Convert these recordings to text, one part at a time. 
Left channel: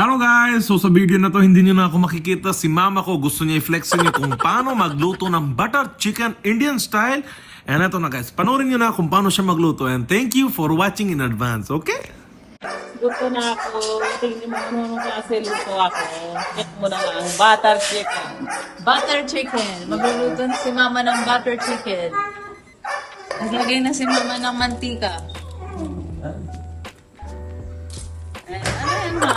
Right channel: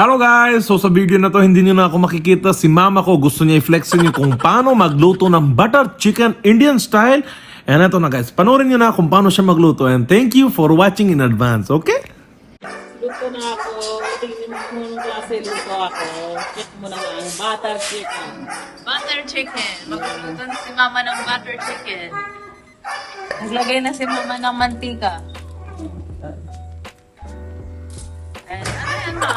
Hello guys! So sa video na to, hindi nyo na ako makikita. Si mama ko gusto niya i-flex nyo kung paano magluto ng butter chicken Indian style. And ito na guys, panoorin nyo na kung paano siya magluto. And thank you for watching in advance, okay? Luto na ako. Tingnan mo kung anong klase luto ako. Check mo na nga ang butter chicken. Butter chicken. Magluluto na si mama ng butter chicken. Naglagay na si mama ng mantika. Ano yan ma?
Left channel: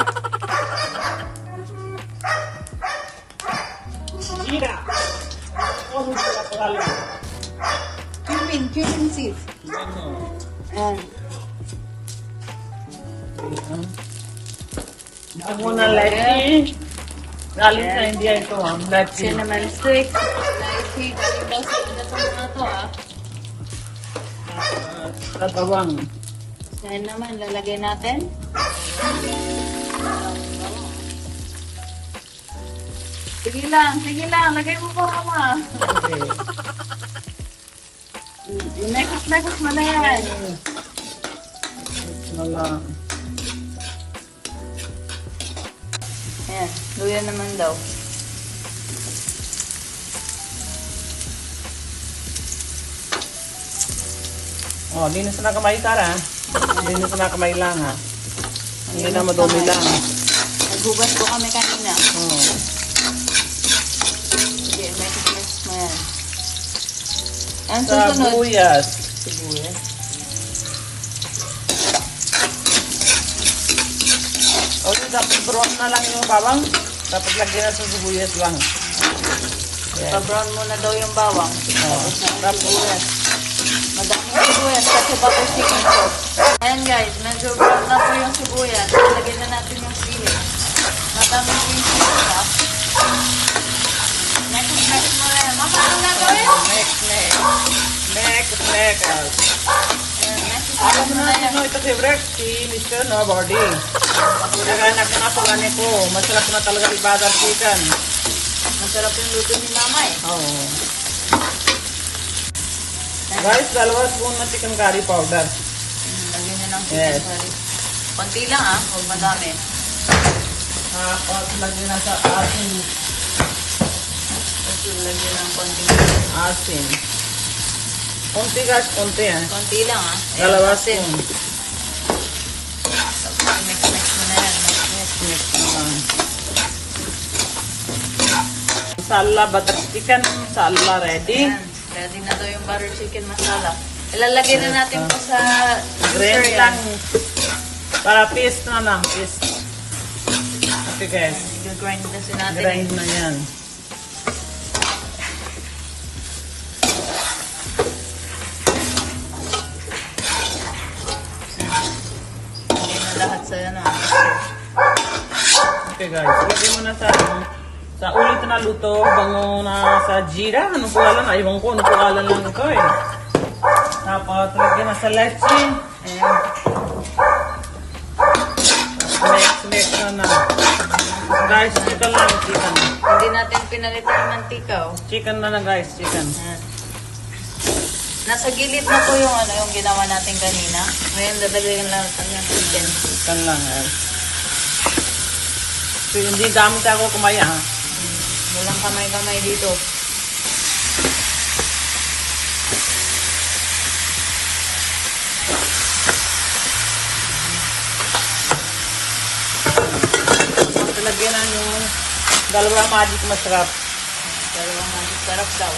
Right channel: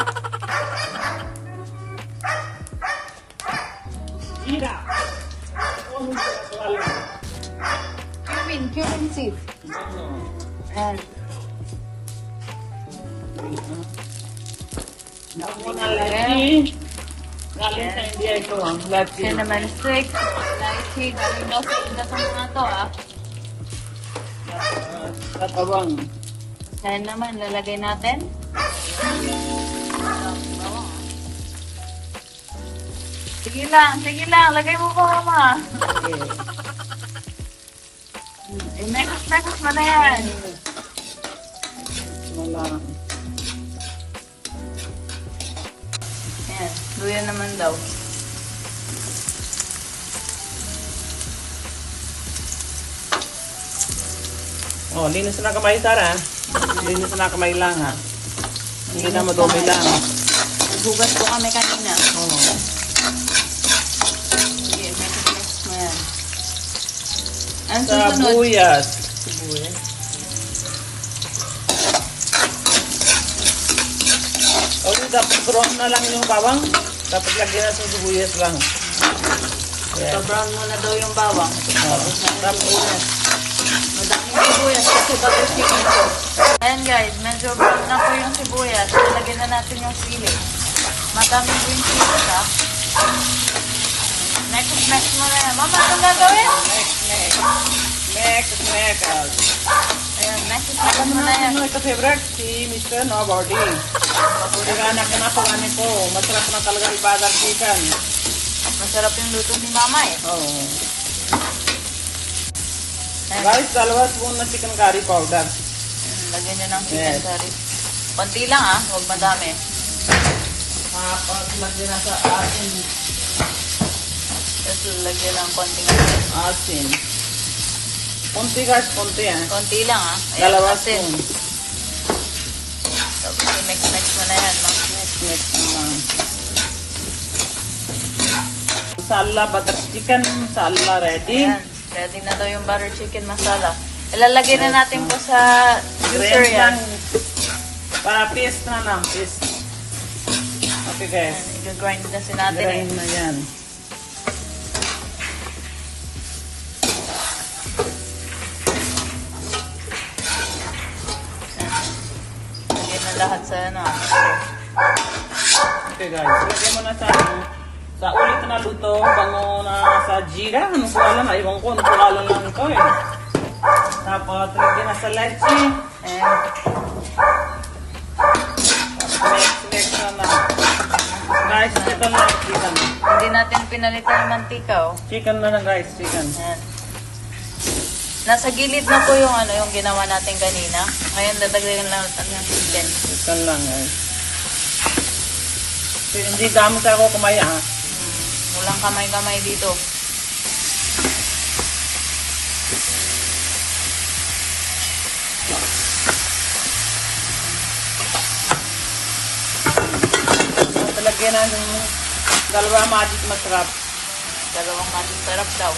Ira! Ano sila pala? Cumin seeds. And Ako muna lychee. Galing sa India ito ang lychee. cinnamon stick. Lychee. Galing daw sa inda sa mga to Tatabang. Yan naman, lalagay natin. Sige lang. Lagay mo pa mama. Next mo na yan. Malang. Ayan, luya naman daw. Oh, linis na kamay Tara. Linis na kamay lang ha. Hindi na madumi lang. Naghugas po kami kanina. Oh. Sige, mess mo yan. Ang susunod. Sibuyas. Okay, dapat brown na lang yung bawang. Dapat lagyan na sa sibuyas lang. Yeah. Brown muna daw yung bawang. Oh. Tapos, Madaming sibuyas kasi butter chicken to. Ayan guys, medyo brown na po yung sibuyas. Lagyan na natin yung sili. Madaming green chili ha. Next mo na yan. Mama, anong gagawin? next. Ayan, next mo na yan. Ito favorite, si Mr. Nobody. Pagkakanak na po ano ko. Masarap na talaga yung butter chicken. Masarap yung luto ni mama eh. Oh. Guys, 2 spoon na chicken curry powder. Lagyan nyo ng chicken Yes. curry. Konti lang ha, huwag madami. Tapos lagyan na sa asin. Tapos lagyan ng konting Asin. Konti guys, konti yan. konti lang ha. 2 asin. spoon. Tapos mix mo na yan. Mix naman. Masala, butter chicken, masala ready. Ayan, ready na daw yung butter chicken masala. Ilalagay na natin po sa juicer Grind yan. lang. Para paste na lang, paste. Okay guys. Ayan, i-grind na si natin eh. Grind na yan. Lagyan na lahat sa ano. Okay guys, lagyan mo na sa ulit na luto, bango na sa jira. Ano po alam, aywan ko, ano po alam lang ito eh. Tapos lagyan na sa lychee. Ayan. Mix na. Guys, ito lang yung chicken. Hindi natin pinalitan ng mantika oh. Chicken na guys, chicken. Ayan. Nasa gilid na po yung ano yung ginawa natin kanina. Ngayon dadagdagan lang natin yung chicken. Chicken lang yan. So, hindi dami sa ako kumaya ha. Walang kamay-kamay dito. Lagyan ng 2 magic masarap. 2 magic sarap daw.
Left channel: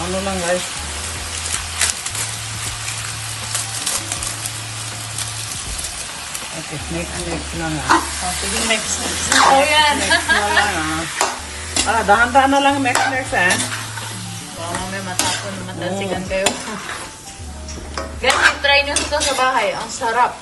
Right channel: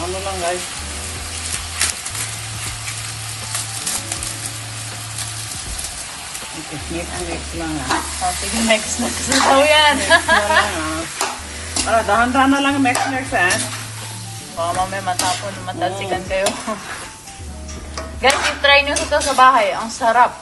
Ano lang guys. Okay, mix lang ha. Oh, sige, next. So yan. Para dahan-dahan na lang mix ha. Baka mamaya matapon, matalsikan kayo. Guys, i-try nyo ito sa bahay. Ang sarap.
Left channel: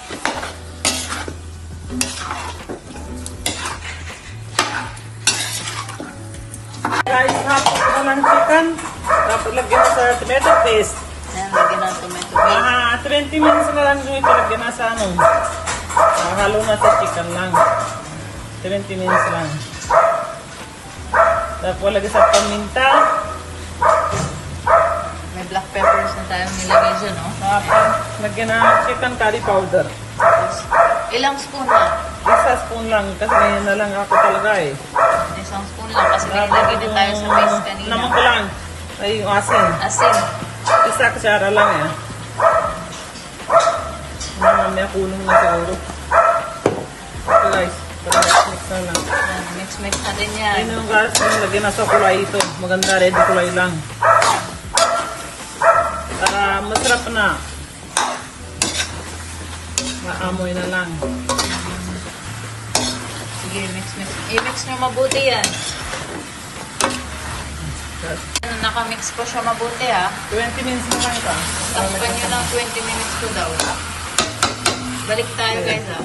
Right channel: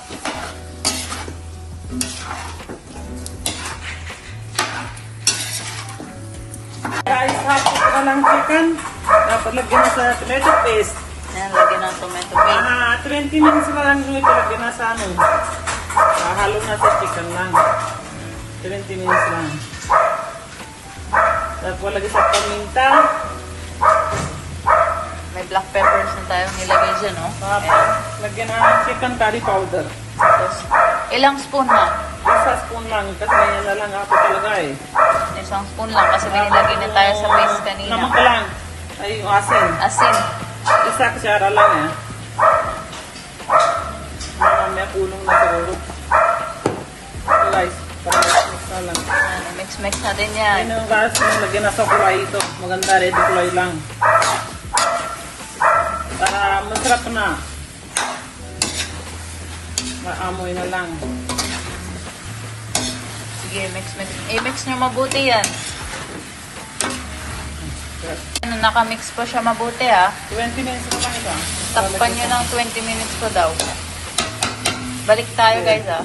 Guys, hapos ko lang chicken. Tapos lagyan mo sa tomato paste. Ayan, lagyan ng tomato paste. 20 minutes na lang ito. Lagyan na sa ano. Halo na sa chicken lang. 20 minutes lang. Tapos lagay sa paminta. May black peppers na tayong nilagay dyan, no? Tapos lagyan ng chicken curry powder. Ilang spoon na? Isa spoon lang kasi ngayon na lang ako talaga eh. Isang spoon lang kasi may nilagay din tayo sa paste kanina. Naman ko lang. Ay, yung asin. Asin. Isa kutsara lang eh. Mamaya kulong na siguro. So guys, para mix na lang. Mix natin yan. Yan yung gas na lagyan na sa kulay ito. Maganda, ready kulay lang. Para masarap na. Maamoy na lang. Sige, mix. I-mix nyo mabuti yan. Nakamix ko siya mabuti, ha. 20 minutes na lang ito. Takpan nyo ng 20 minutes ko daw. Balik tayo, guys, ha.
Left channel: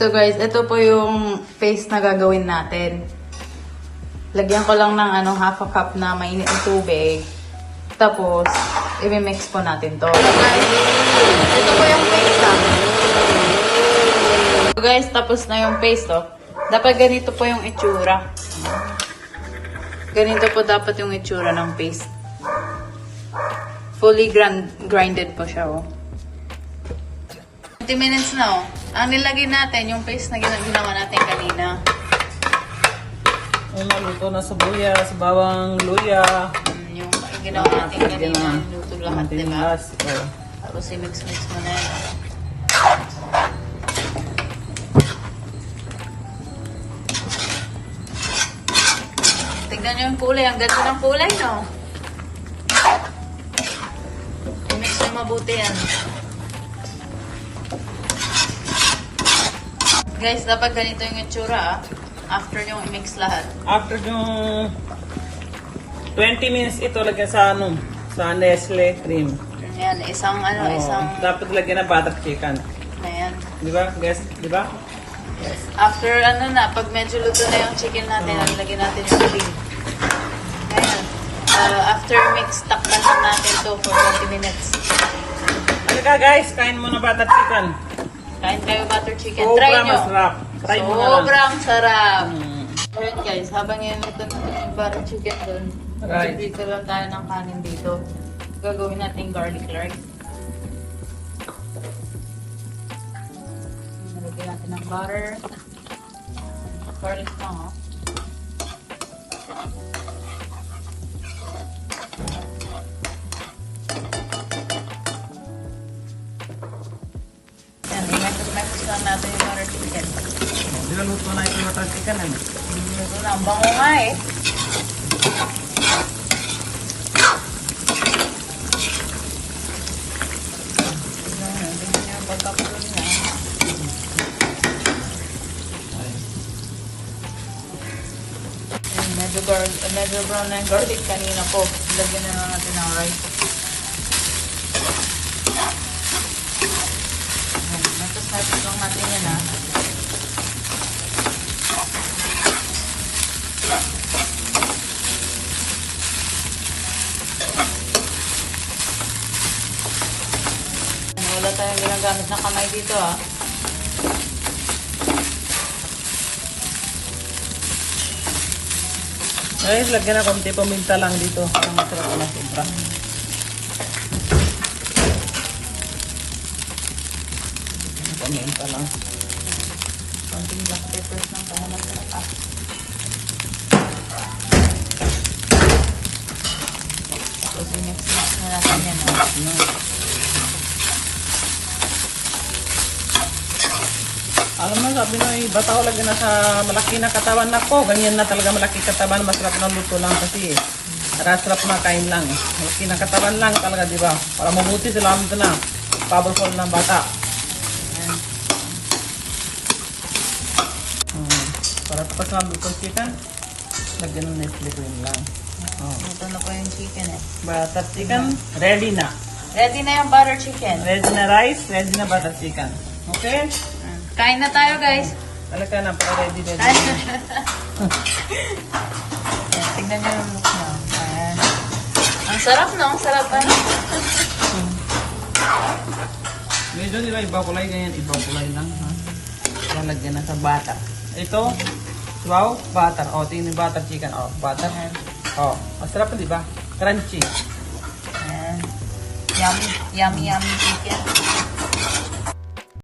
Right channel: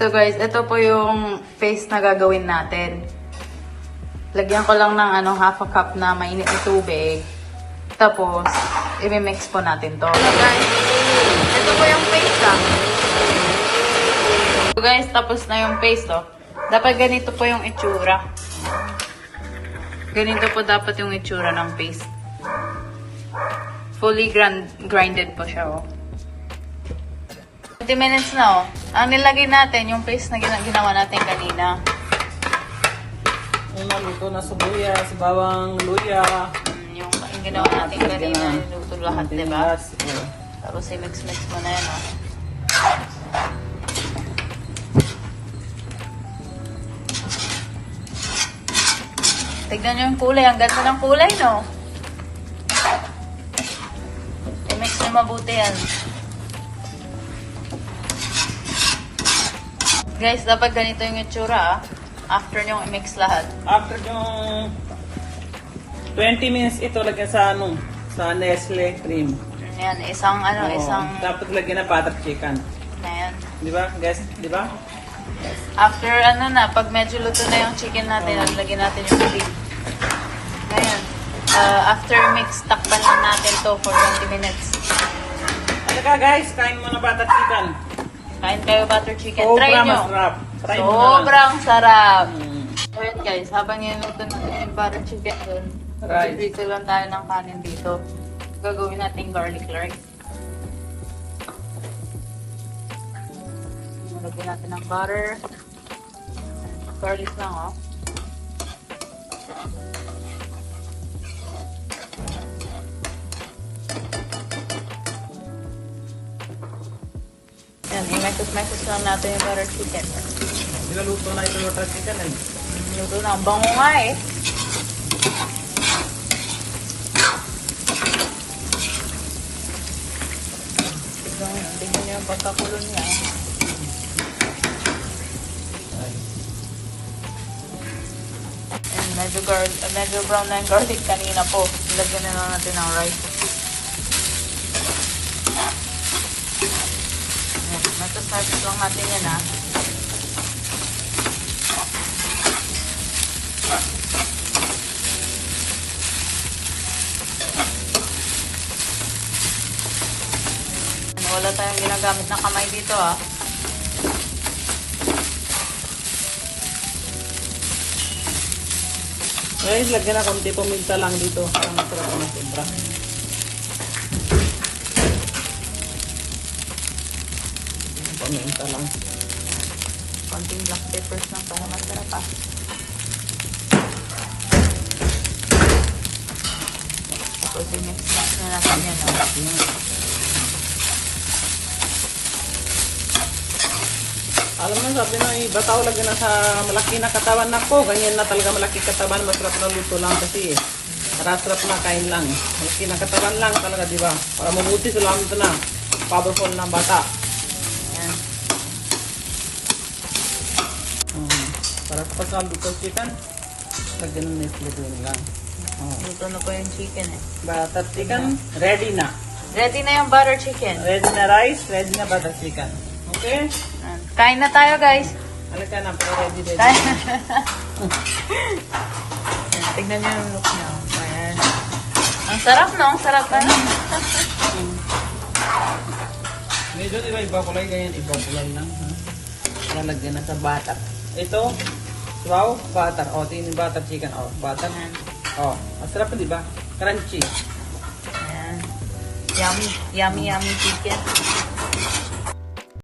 So, guys, ito po yung paste na gagawin natin. Lagyan ko lang ng half a cup na mainit na tubig. Tapos, i-mix po natin to. Ito po yung paste, ha. So, guys, tapos na yung paste, oh. Dapat ganito po yung itsura. Ganito po dapat yung itsura ng paste. Fully grinded po siya, oh. 20 minutes na, oh. Ang nilagay natin, yung paste na ginawa natin kanina. Yung maluto na sibuyas, bawang luya. Yung ginawa natin kanina, niluto lahat, diba? Oh. Tapos i-mix-mix mo na yan, oh. Tignan nyo yung kulay. Ang ganda ng kulay, no? I-mix nyo mabuti yan. Guys, dapat ganito yung itsura, ah. After nyo i-mix lahat. After yung 20 minutes ito, lagyan sa sa Nestle cream. Ayan, isang Oh, isang... Dapat lagyan na butter chicken. Ayan. Di ba? Guys, di ba? After pag medyo luto na yung chicken natin, lagyan natin yung cream. Ayan. After mix, takpan lang natin to for 20 minutes. Halika guys, kain mo na butter chicken. Kain kayo butter chicken. Sobrang Try nyo. masarap. Try mo na lang. Sobrang sarap. Mm. Ayan guys, habang niluto natin yung butter chicken dun, Right. dito lang tayo ng kanin dito. Gagawin natin garlic rice. Nalagyan natin ng butter. Garlic lang, oh. Yan, i-message lang natin yung butter chicken. Nilaluto na ito yung butter chicken. Eh. Luto na, ang bango nga eh. Tignan nyo yung pagkakulo niya. Medyo brown na yung garlic kanina po. Lagyan na lang natin ng rice. Matasarap lang natin yan, ha. Wala tayong ginagamit na kamay dito, ha. Guys, lagyan na konti paminta lang dito. Ang masarap na sobra. Paminta lang. Konting black peppers lang para masarap, ha. Tapos i-mix na natin yan, ha. Alam mo, sabi mo, bataw lagyan na sa malaki na katawan na po. Ganyan na talaga malaki katawan. Masarap na luto lang kasi sarap na kain lang. Malaki na katawan lang talaga, di ba? Para mabuti sila ito na. Powerful na bata. Ayan. Para tapos na luto chicken, lagyan ng Nestle cream lang. Luto na po yung chicken, eh. Butter chicken, ready na. Ready na yung butter chicken. Ready na rice, ready na butter chicken. Okay? Ayan. Kain na tayo, guys. Halika na, para ready. Kain na. Ayan, tignan nyo yung look niya. Ayan. Ang sarap, no? Ang sarap, ano? Medyo di ba iba kulay ganyan, iba kulay lang. Ha? Lalagyan na sa butter. Ito, Wow, butter. Oh, tingin yung butter chicken. Oh, butter. Oh, masarap di ba? Crunchy. Ayan. Yummy, yummy, yummy chicken.